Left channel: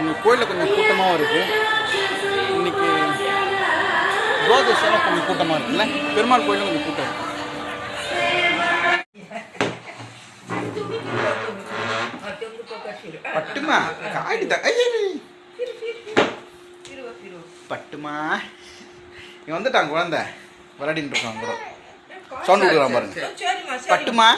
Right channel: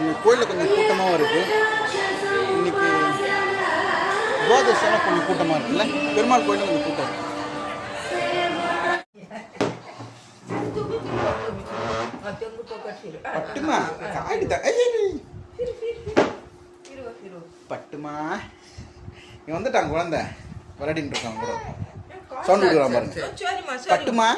இங்கே கோயிலில் கொஞ்சம் கூட்டமாகவும் இருக்குது. இன்றைக்கி துவாதசியெல்லாம் கொஞ்சம் கூட்டமாக இருக்குல்ல. பெருமாள் கோயிலும் கொஞ்சம் கூட்டம் இருக்குது. பட்டுமா காயிடுதா பட்டுமா இங்கே வந்துட்டாங்க குழந்தை விளையாடின்னு இருக்காங்க கூட. சவுண்ட் கொடுக்குறான் பாருங்க. பட்டுமா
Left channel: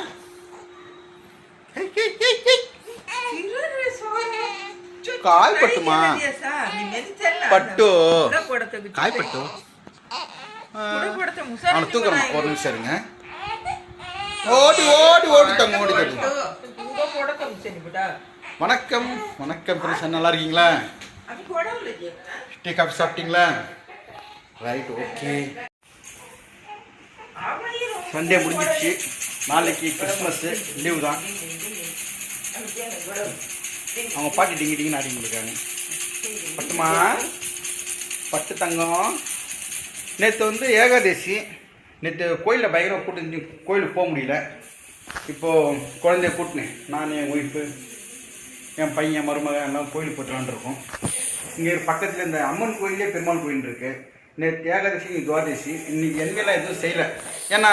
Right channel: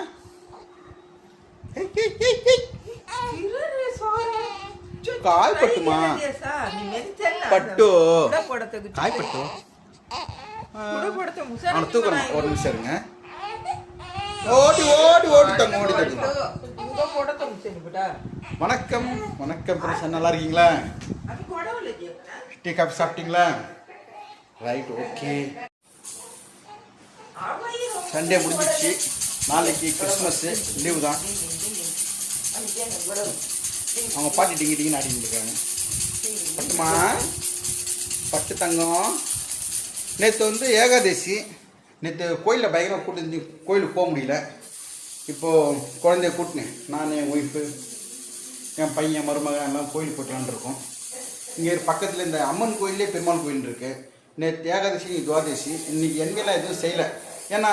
காய் பட்டுமா பட்டு காய் பட்டு அவனை தூக்குறமா. ஒரு நிமிஷம் இருங்க. ஓடி ஓடி ஓடிட்டாங்க ஓடிட்டாங்க. வணக்கம் வணக்கம் பிரசன், நல்லா இருக்கீங்களா? டீ காஃபி சாப்பிட்டீங்களா? Right, okay. சண்டே முடிஞ்சிடுச்சு. நாளைக்கு கிறிஸ்மஸ்ஸு லீவு தான். அவங்க பாட்டி டிங்கி டிங்கின்னு ஆடிட்டு இருக்காங்க. பட்டுமா பட்டு தங்கம். நேற்று வந்து ஏகாதசி. நேற்று கோயிலில் பயங்கரம் கூட்டு கோயிலுக்கு போக முடியல. இப்போது குழந்தைய கூட்டினேன். நான், என் ஒய்ஃபு, என் பையன், மருமகன் எல்லாம் கோயிலுக்கு போய்ட்டு வந்துருக்கோம். இங்கே பக்கத்தில் இந்த அம்மன் கோயிலே பெருமாள் கோயில் இருக்குது. நேற்று ஏகாதசி, இங்கே துவாதசி. இன்றைக்கி என்மையெல்லாம் எதுவும் செய்யலை. ஏன்னா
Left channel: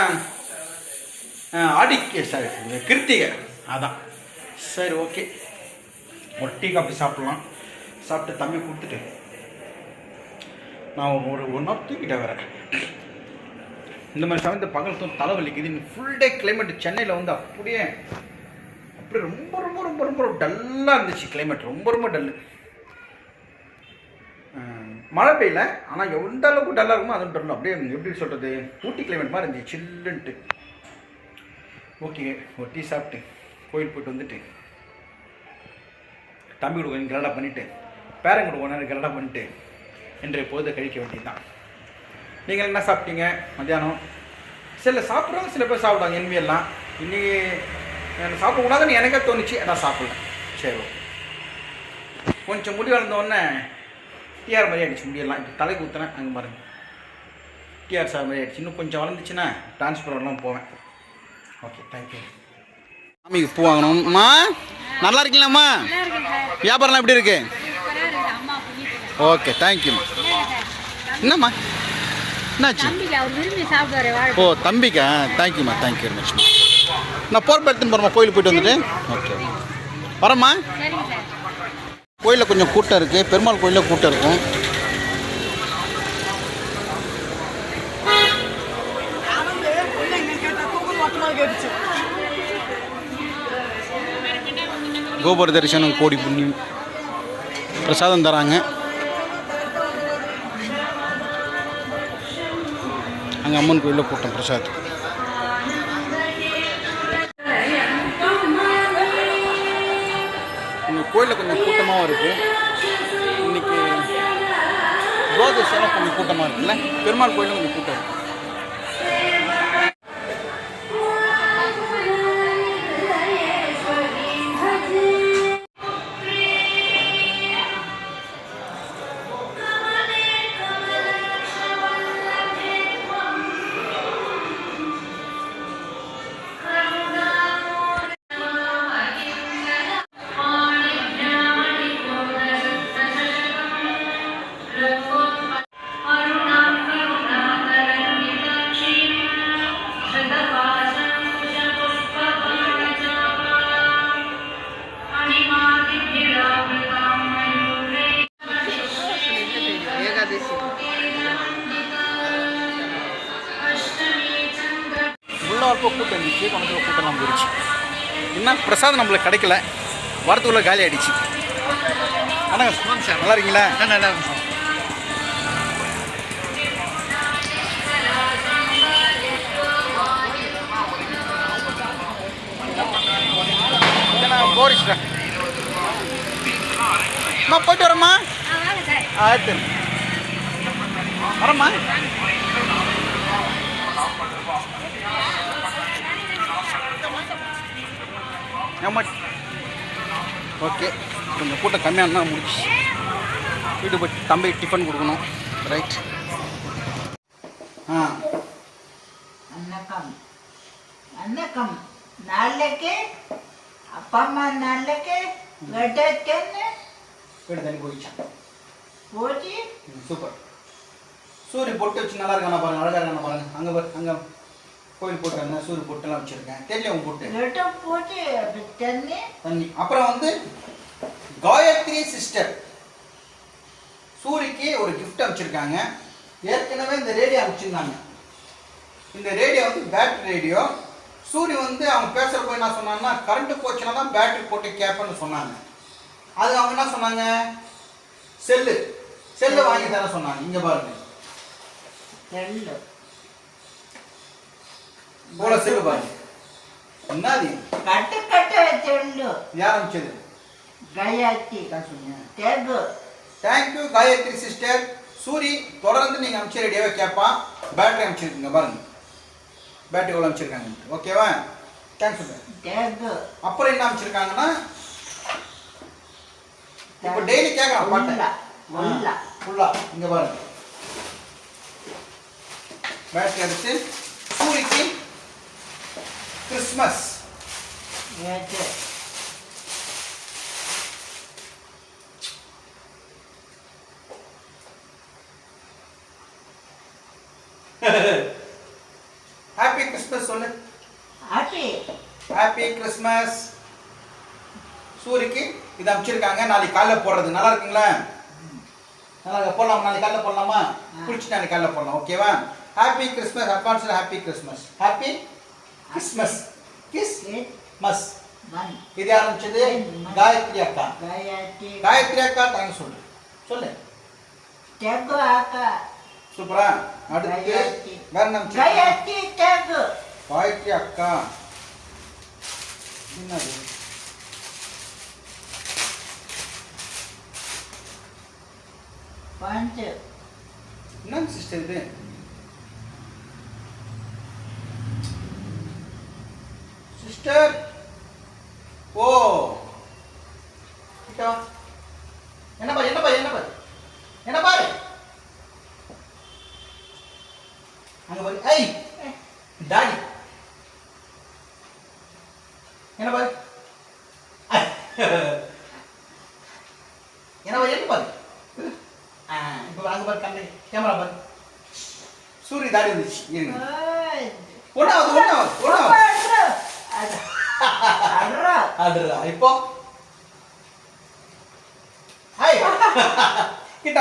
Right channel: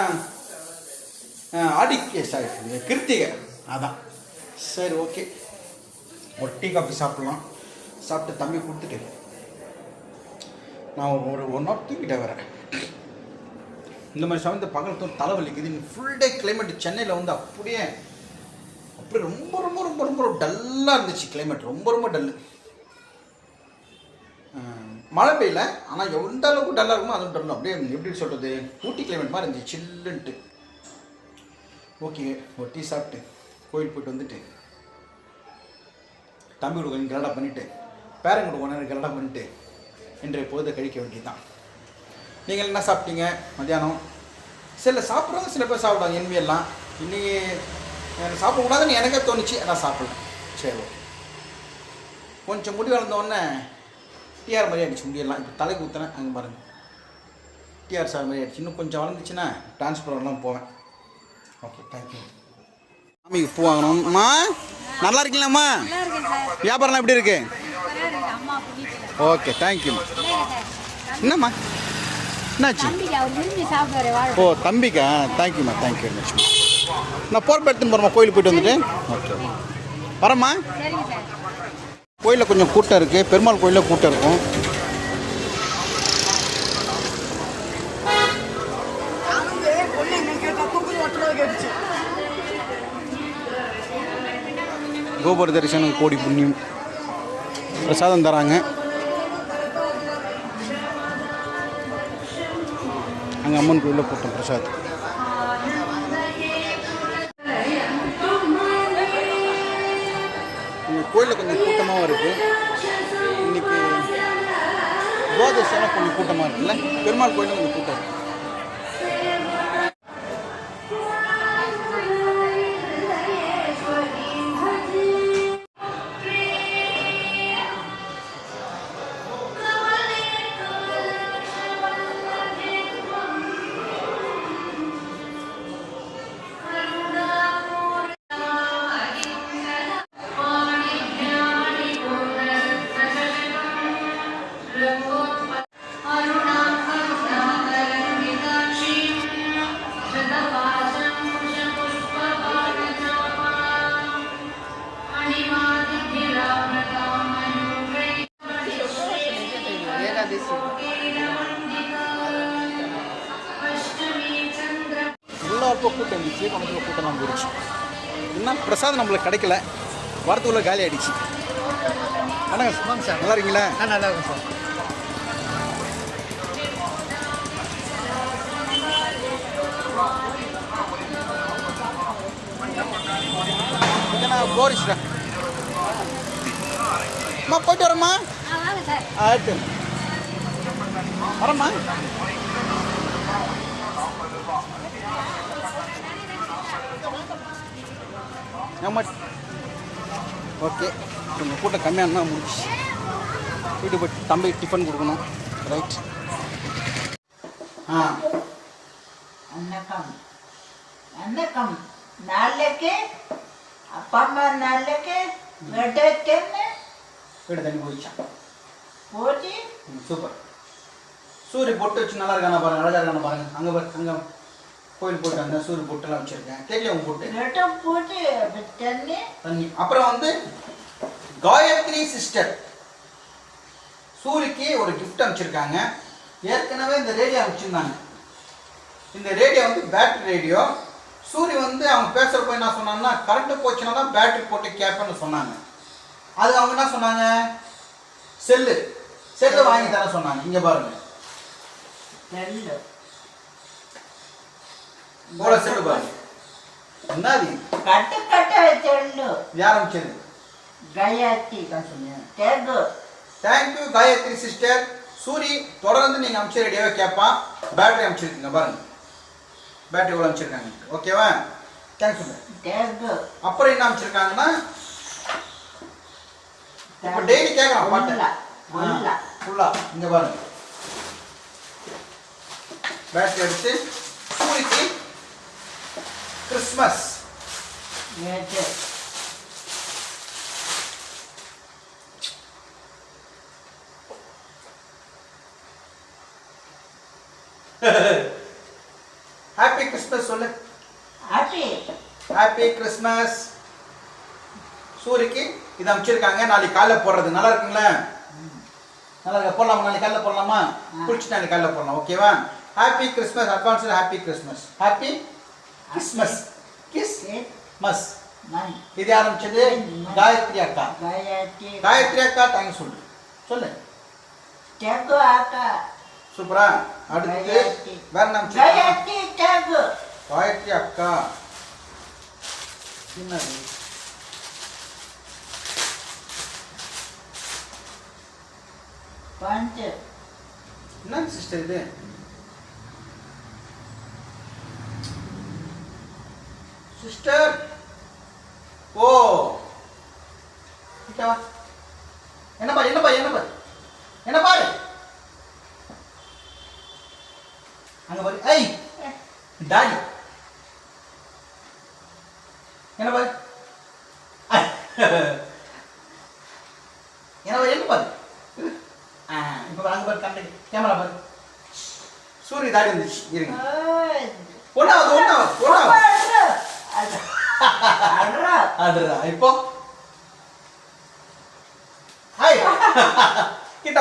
ஆடிக்கு சாரி கிருத்திகை அதான். சரி, ஓகே. ஒரு டீ காஃபி சாப்பிட்லாம். சாப்பிட்டு தம்பி கொடுத்துட்டு நான் ஒரு 1 ஹவர் தூக்கிட்டேன். வேறு இந்த மாதிரி சமயத்தை பகல் தலைவலிக்குது. இன்னும் ஃபுல் டே கிளைமேட் சென்னையில் வந்து அப்படியே ரொம்ப ரொம்ப ரொம்ப ரொம்ப டல்லாக இருந்துச்சு. கிளைமேட் ரொம்ப ரொம்ப டல்லு. மழை பெய்யல, ஆனால் எந்த அளவுக்கு டல்லாக இருக்குமோ அதுவும் டல்லு. அப்படியே எப்படி சொல்கிறது, ஊட்டி கிளைமேட் மாதிரி இருந்துச்சு, சில்லுன்ட்டு. ஓகே, ஒரு டீ சாப்பிட்டு கோயில் போய்ட்டு வந்துட்டு தம்பி கூட கொஞ்சம் கலடா பண்ணிவிட்டு பேரன் கூட கொஞ்ச நேரம் கலடா பண்ணிவிட்டு இன்றைய பொழுதை கழிக்க வேண்டியது தான். நீங்கள் என்ன சாப்பிட்டீங்க மத்தியானம்? சில சாப்பிட்றவங்க சில பேர் சாப்பிடுவாங்க என்மையெல்லாம். இன்னைக்கு எனக்கு சாப்பிடக்கூடாதுன்னு எனக்கே தோணுச்சு, நான் சாப்பிடல. சரி, கொஞ்சம் முடி வளர்ந்தோடனே டிஆர் மாதிரி ஆகிடுச்சு முடியெல்லாம். இப்போ தலைக்கு ஊற்றுனேன், அங்கே பாருங்கள் டிஆர் சார் மாதிரி ஆகிடுச்சு. இன்னும் கொஞ்சம் வளர்ந்துச்சுன்னா டிரான்ஸ்பர்லாம் போவேன். Okay, thank you. சாமிக்கு பூ வாங்கணும்மா. நல்லா இருக்கீங்களாம்மா? வியாபாரம்லாம் எப்படி இருக்கு? ஓகே, தேங்க்யூம்மா. என்னம்மா என்னாச்சு? ஓ, தம்பிக்கா? தேங்க்யூம்மா, தேங்க்யூ வெரி மச். நான் போகிறப்ப எடுத்துன்னு போகிறேம்மா, கோயிலுக்கு போய்ட்டு வந்துட்டு. ஓகே, வரேம்மா. கோயிலில் கொஞ்சம் கூட்டம் இருக்குது. பெருமாள் கோயிலில் கூட்டம் இருக்கும். கோபுர தரிசனம், கோடி புண்ணியம். பிரசாதம் தராங்க. அங்கே அம்மன் கோயிலில் கூட்டம் பிரசாதம். இங்கே கோயிலில் கொஞ்சம் கூட்டமாகவும் இருக்குது. இன்றைக்கி துவாதசியெல்லாம் கொஞ்சம் கூட்டமாக இருக்குல்ல. பெருமாள் கோயிலும் கொஞ்சம் கூட்டம் இருக்குது. உள்ளார்ப்போ கூட்டம் இருந்துச்சு, பணத்தில் கூட்டம்லாம் போயிடுச்சு. இன்னும் பிரசாதம் நம்மளுக்கு கிடைக்கல, வரத்துக்குள்ளே காலி ஆகிடுச்சு. ஆனால் சார் நல்லா இருக்கீங்களா? நல்லா இருக்கும் சார். நான் போரிஸ்டா அம்மா போயிட்டு வரேம்மா. ஆயிரத்து வரேம்மா. ஆமாம், ஓகே. கொஞ்சம் கூட்டம் கம்மியாக முடிச்சு வீட்டுக்கு போய் தம்பி டிஃபன் கொடுக்கணும். ரைட். வணக்கம். வணக்கம். நாளைக்கு அப்பா அம்மா நாளைக்கு வெட்டேன்னு வீடு தண்ணி போயிடுச்சான். போச்சு. சூப்பர். சூரிய பொட்டு வச்சு நல்லா இருக்கானா பாருங்க, அழகா இருக்கானா பாருங்க. அங்கே பாரு, அங்கே கோயில் போட்டு வந்தேன், சூரிய பொட்டுலாம் வச்சுருக்கேன். தெரியல உங்க பொட்டு போட்டு தண்ணி தண்ணி. அப்புறம் வந்து காயத்ரி சிஸ்டர் சூரிக்கு ஒரு கிஃப்ட் அனுப்பிச்சிருக்காங்க. ஏற்கனவே இந்த ரேடியோ அனுப்பிச்சிருந்தாங்க. இந்த ரேடியோ வந்து பேட்டரி ரேடியோ. சூரிய வந்து அவங்க பேசுகிறப்ப என்ன சொன்னாங்கன்னா, கரண்ட்டு போச்சுன்னா தான் பேட்டரி போட்டு கேட்பேன்னு சொன்னாங்க. அது அவங்க என்ன சொன்னாங்க, செல்லு வாங்கி தர சொன்னாங்க. இங்கே பாருங்க, செல்லு போல செல்லு பாருங்க. என்னது கட்ட செல்லு யார் அனுப்பிச்சது? காயத்ரி தான் சொன்னீங்க. Thank you Gayatri sister. சூரி தொடர்ந்து நீங்கள் அனுப்பிச்ச ரேடியோவை கேட்பான். பேட்டரி அனுப்பிச்சிருக்கீங்க பாருங்க, பேட்டரி எவ்வளோ அனுப்பிச்சிருக்காங்க. ஓகேவா? தேங்க்ஸ். அப்புறம் என்ன அனுப்பிச்சிருக்காங்கன்னா, இப்போ டெய்லி கேட்கலாம் பாட்டு ஃபுல்லாக. இங்கே பாருங்க, பேட்டரி எடுத்து சூரிக்கு கிறிஸ்மஸ். ஹாப்பி கிறிஸ்மஸ் சொல்லு. Happy Christmas. சூரிக்கு இது அனுப்பிச்சிருக்காங்க. நாளைக்கு காலைல போடுறது. நல்லா இருக்குங்களா? நல்லா போடலாமா? நாளைக்கு காலைல போடலாமா? பிடிச்சி நாளைக்கு காலைல போடலாம். ஓகேவா? Happy Christmas. Advance happy Christmas. Happy Christmas. Christmas. இது யார் அனுப்பிச்சது? காயத்ரி அக்கா. காயத்ரி அக்கா தேங்க்ஸ் சொல்லு. சொல்லு. சூப்பரா. அடுத்து வேற என்ன? காயத்ரி அக்கா. என்னது? என்ன சிஸ்டர் இது? சிஸ்டர் ஓ என்ன பாரு, என்ன பாரு, என்ன பாரு, என்ன பாரு, அங்க பாரு. ஐய் டாடி என்ன பாரு, என்ன பாரு, என்ன பாரு. இப்போ அங்க பாரு, கண்ணு கேமரா பாரு. சூரிய தாடி வந்துச்சு. இருங்க, ஒன்னாவது அதுரா. இப்போ ஹாய் கிட்ட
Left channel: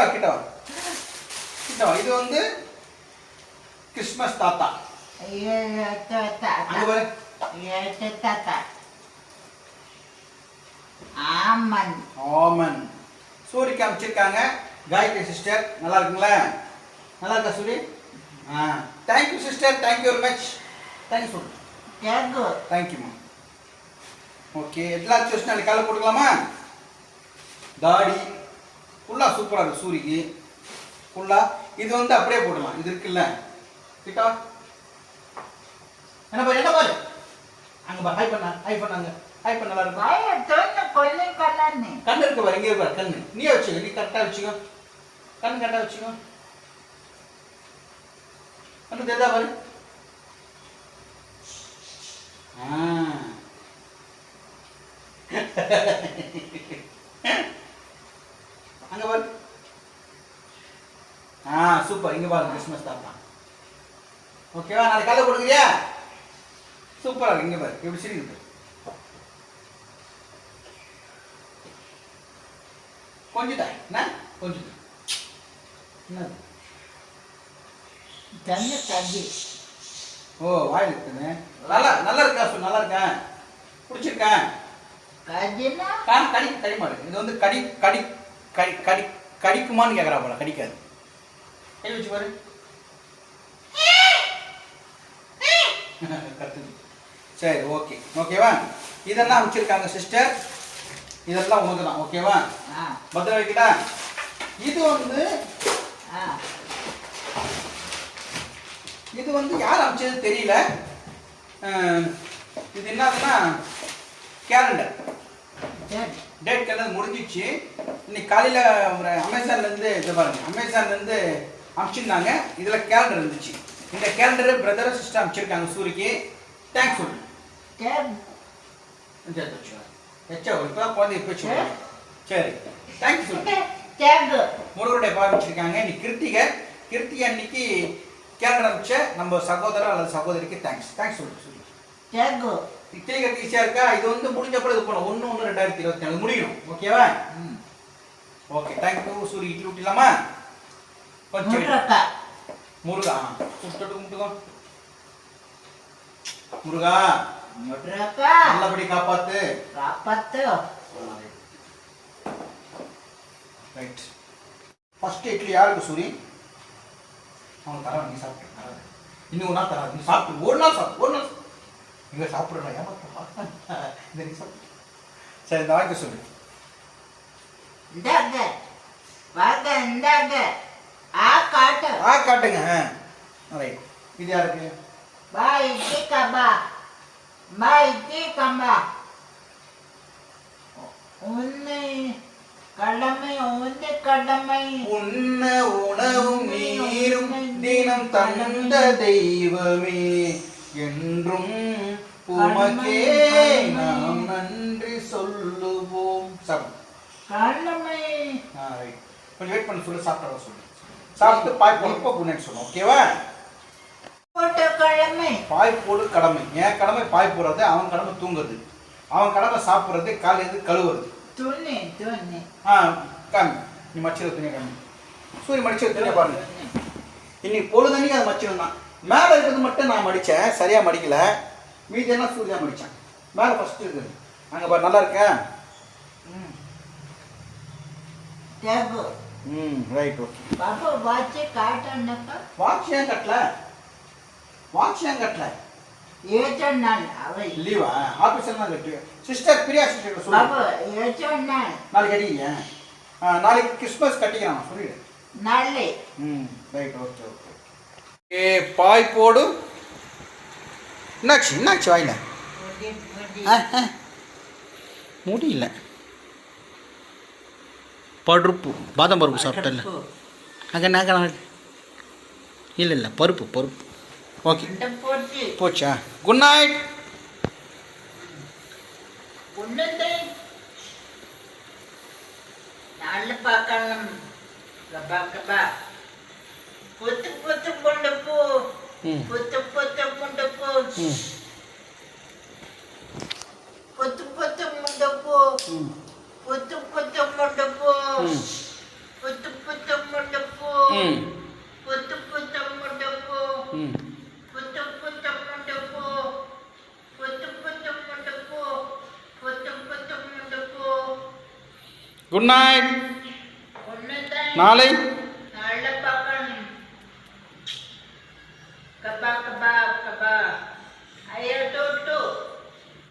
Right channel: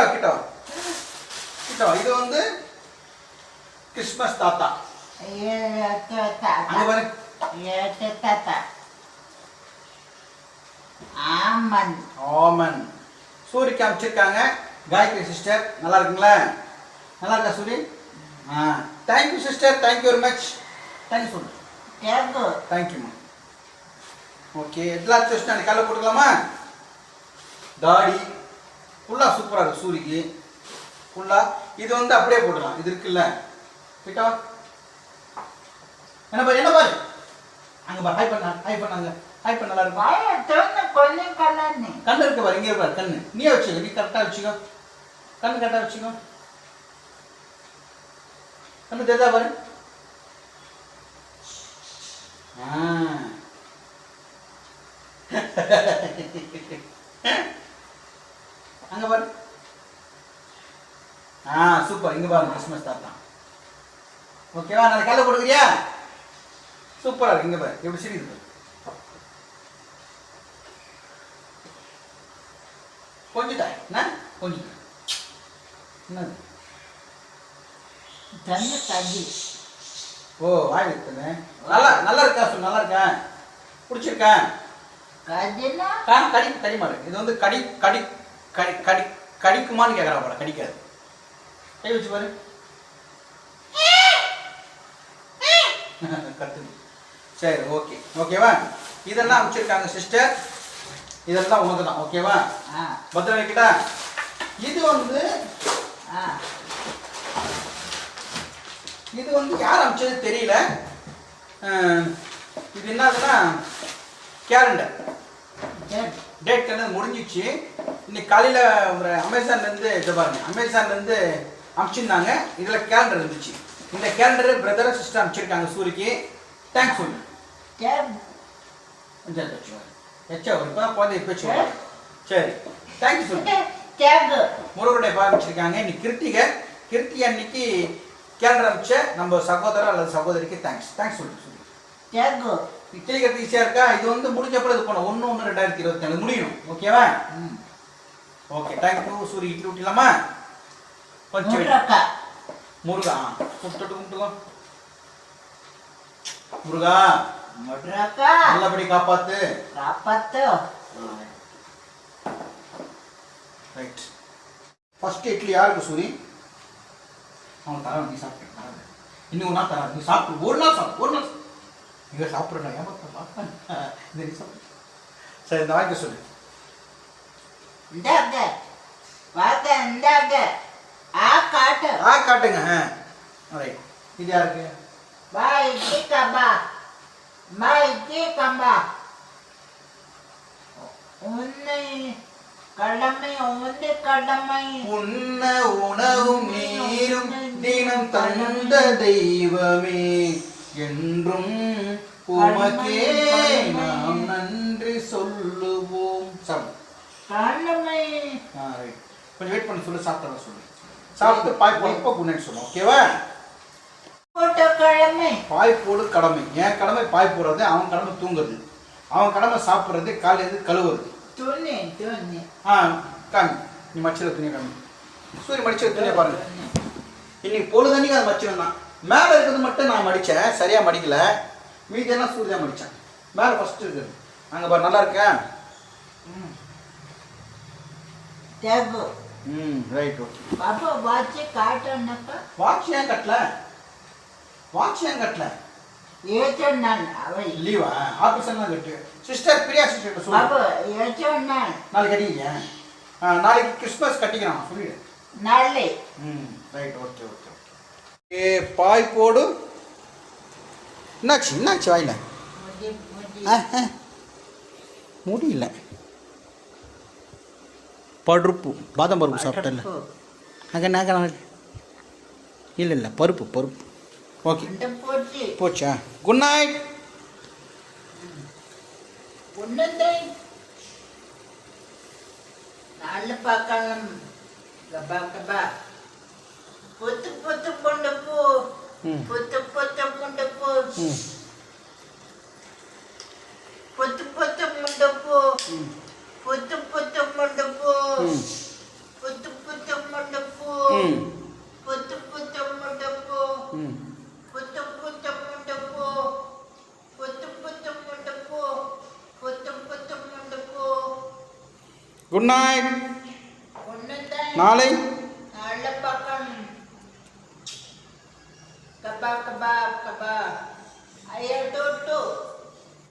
இது வந்து கிறிஸ்மஸ் தாத்தா. அங்க பாரு. ஆமன். சூரிக்கு அனுப்பிச்சிருக்காங்க. காயத்ரி சிஸ்டர் நல்லா இருக்குங்களா? நல்லா இருக்கா சூரி? Thank you sister, thank you very much. Thank you சொல்லு. தேங்க்யூம்மா. ஓகே, எல்லாத்தையும் வச்சு நாளைக்கு காலைல போட்டுக்கலாமா? தாடி ஃபுல்லாக சூப்பராக இருக்குது சூரிக்கு ஃபுல்லாக. இது வந்து அப்படியே போடலாம். இது இருக்குல்ல கிட்டா. என்ன பாரு, என்ன பாரு, அங்கே பாரு. ஹை பண்ணாங்க. ஹை பண்ண நல்லா இருக்கும். கண்ணு இருக்கு பாரு, இங்கே பாரு கண்ணு. நீயே வச்சுக்கோ, நீ கரெக்டாக வச்சுக்கோ. கண்ணு கரெக்டாக வச்சுக்கோ. கண்ணு தெரிஞ்சா பாரு. அங்க பாரு. சூப்பர். இங்க பாருங்க, கிறிஸ்மஸ் தாத்தா. ஓகேவா? நாளைக்கு காலைல கொடுக்குறியா? சூப்பரா இருக்கு. இங்க பாரு எப்படி சிரிக்குது பாரு. கொஞ்சிட்டா என்ன? கொஞ்சிட்டா என்ன? தண்ணி. ஓ வாயில் இருக்குன்னு. நல்லா இருக்கா சொல்லு. நல்லா இருக்கா? பிடிச்சிருக்கா? கடிமாடு. இது வந்து கடிக்குமான்னு கேட்குறா போல. கடிக்காது. கை வச்சு பாரு. கத்துது. சரி, ஓகேவா? இதெல்லாம் வச்சிருக்காங்க சிஸ்டர். இதெல்லாம் உனக்கு தான். ஓகேவா? பத்திரம் வைக்கிட்டா. இது வந்து யார் அனுப்பிச்சது தெரியல. இது என்னதுன்னா கேலண்டர். டேட் கண்டது முடிஞ்சிச்சு. இன்னைக்கு காலையில் அமேசான்லேருந்து இது பாருங்க, அமேசான்லேருந்து அனுப்பிச்சிருந்தாங்க. இதில் கேலண்டர் இருந்துச்சு. இந்த கேலண்டர் பிரதர் சிஸ்டர் அனுப்பிச்சிருக்காங்க சூரிக்கு. தேங்க்ஸ் சொல்லு. இப்போ குழந்தைய பேச்சு. சரி, தேங்க்யூ சொல்லு. தேங்கு முருகருடைய பாகம் வச்சிருக்காங்க. இன்னைக்கு கிருத்திகை அன்னைக்கு கேலண்டர் அமைச்ச நம்ம சகோதரர் அல்லது சகோதரிக்கு தேங்க்ஸ் சொல்லு. தேங்கு நீ கிளிக்கிறது ஈஸியாக இருக்கா? இது வந்து முடிஞ்சப்பறம் இது பண்ண 1/1/2024 முடியும். ஓகேவா? Okay thank you. சூரிய இட்லி ஊட்டிலாமா? கொஞ்சம் முருகா கும்பிட்டுக்கோ. முருகா நல்லபடி காப்பாத்து. ரைட். ஃபர்ஸ்ட் இட்லி யாருக்கு சூரி? அவன் தரான், நீ சாப்பிட்டு. இன்னும் ஒரு நாள் தராது, நீ சாப்பிட்டு. ஒரு நாள் இங்கே சாப்பிட்றா ஏமாத்த இந்த நீ சாப்பிடு. சரி இந்த வாங்கி சொல்லு. காட்டுங்க. ரைட். இது யாருக்கு? உண்ண உணவும் நீரும் தினம் தந்த தெய்வமே என்றும் உமக்கே நாம் நன்றி சொல்லுவோம். கொஞ்சம் வெயிட் பண்ண சொல்லு. சாப்பிட்டு சொல்லு. சாப்பிட்டு பாய் போடுப்போ குன்னேன்னு சொல்லு. ஓகேவா? பாய் போடு கடமை. என் கடமை பாய் போடுறது, அவன் கடமை தூங்குறது, அவன் கடமை சாப்பிட்றது, காலையில கழுவுறது. காமி நீ மச்சிட துணியை காமி. சூரிய மடிச்சு துணியை பாருங்க. இன்னைக்கு பொழுதன்னைக்கு அதை மச்சிடம் தான். மேலே இருக்கிறது மட்டும் நான் மடித்தேன், சரியாக மடிக்கலை. மீதியெல்லாம் சூரிய மடித்தேன். மேலே ஃபஸ்ட்டு இருக்குது அங்கே பாரு. நல்லா இருக்கா? ரைட். ஓகே. வாட்ச் ஏன் கட்டல? லீவா? ஆஃபீஸ் தான் கட்டு. சிஸ்டர் பிரியா சிஸ்டர் சொல்லு. நாளைக்கு கட்டிங்க. நாளைக்கு கிறிஸ்மஸ் கட்டிக்கிறான் சொல்லிடு. ரைட். ஓகே. பாய் போடு. என்னாச்சு வாயில? முடியல. பருப்பு, பாதாம் பருப்பு சாப்பிட்டல. இல்லை பருப்பு. ஓகே போச்சா? Good night. Good night. நாளை kaba. Ayaw, tuto.